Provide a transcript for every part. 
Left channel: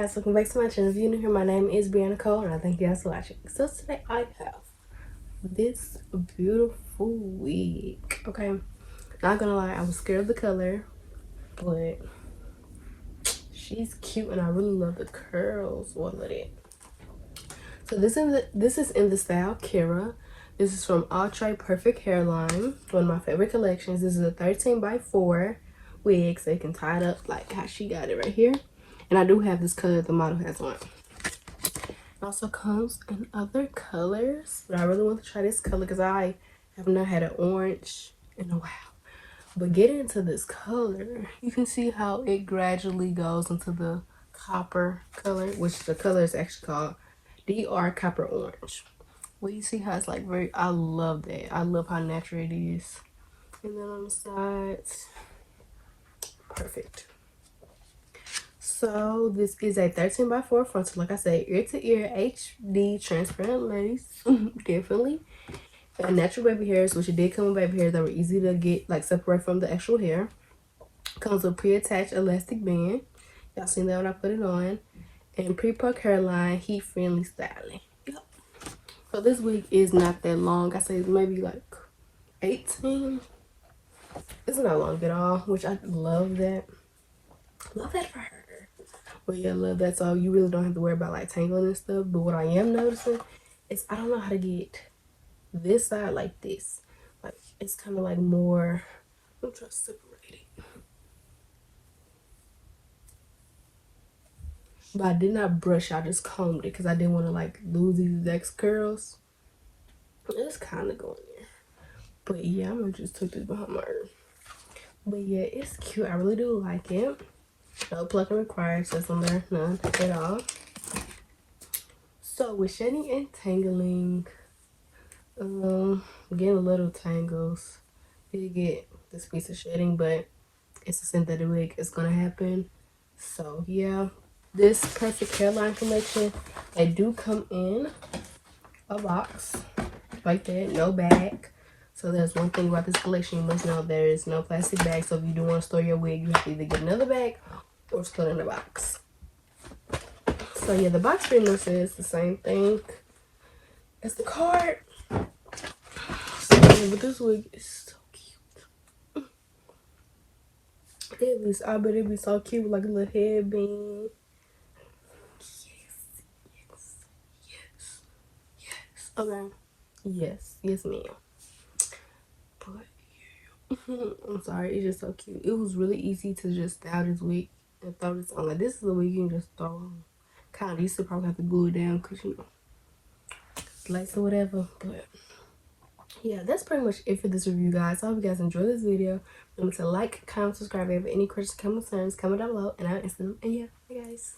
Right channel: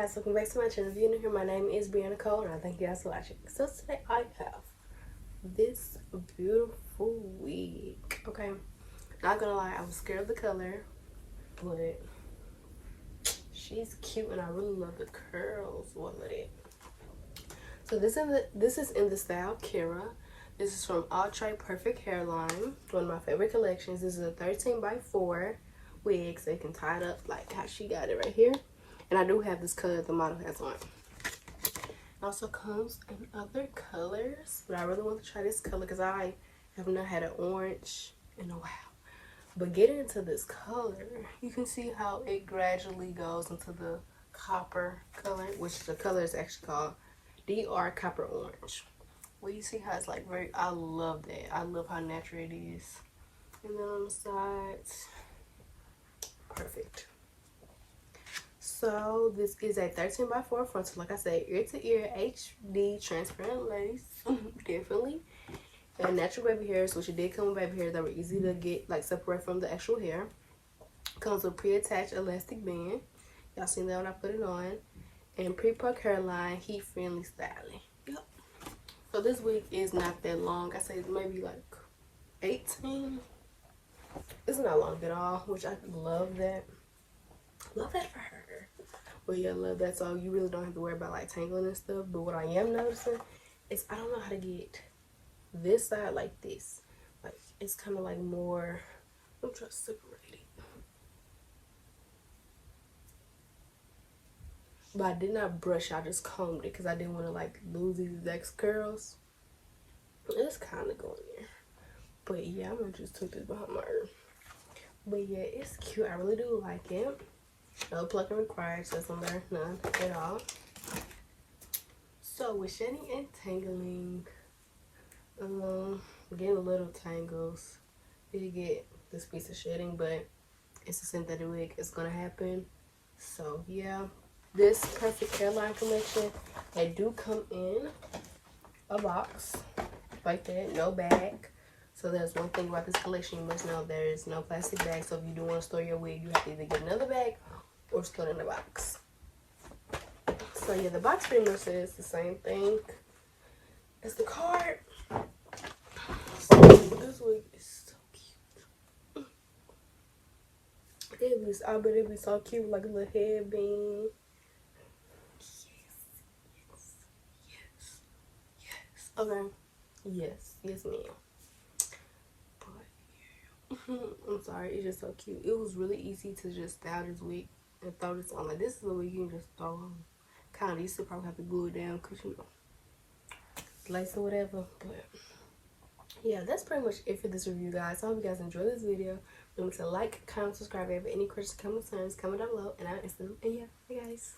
guys, welcome back to my channel. If you're new here, my name is Brianna Cole and I thank you guys for watching. So today I have this beautiful wig. Okay, not gonna lie, I was scared of the color, but she's cute and I really love the curls. Well, look at it. So this is in the style Kira. This is from Outre Perfect Hairline, one of my favorite collections. This is a 13x4 wig, so you can tie it up like how she got it right here. And I do have this color the model has on. It also comes in other colors, but I really want to try this color because I have not had an orange in a while. But getting into this color, you can see how it gradually goes into the copper color, which the color is actually called DR Copper Orange. Well, you see how it's like very, I love that. I love how natural it is. And then on the sides, perfect. So this is a 13x4 frontal, like I said, ear to ear HD transparent lace. Definitely. And natural baby hairs, which it did come with baby hairs that were easy to get, like separate from the actual hair. Comes with pre-attached elastic band. Y'all seen that when I put it on. And pre-pluck hairline, heat-friendly styling. Yep. So this wig is not that long. I say maybe like 18. It's not long at all, which I love that. Love that for her. But yeah, love that. So you really don't have to worry about like tangling and stuff. But what I am noticing is I don't know how to get this side like this. Like it's kind of like more. I'm trying to separate it. But I did not brush. I just combed it because I didn't want to like lose these exact curls. It's kind of going there. But yeah, I'm gonna just tuck this behind my ear. But yeah, it's cute. I really do like it. No plucking required, just on there, none at all. So with shedding and tangling, getting little tangles. Did get this piece of shedding, but it's a synthetic wig. It's gonna happen. So yeah, this perfect hairline collection, they do come in a box like that, no bag. So there's one thing about this collection you must know: there is no plastic bag. So if you do want to store your wig, you have to either get another bag or split in the box. So yeah, the box pretty much says the same thing as the card. So, but this wig is so cute. I bet it'd be so cute, like a little headband. Yes. Okay. Yes, ma'am. But yeah, I'm sorry, it's just so cute. It was really easy to just style this wig and throw this on. Like this is a wig you can just throw on. Kind of used to probably have to glue it down because you know, lace or whatever. But yeah, that's pretty much it for this review, guys. I hope you guys enjoyed this video. Remember to like, comment, subscribe. If you have any questions, concerns, comment down below and I'll answer them. And yeah, bye guys.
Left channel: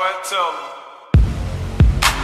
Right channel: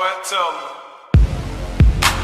what? Tell me.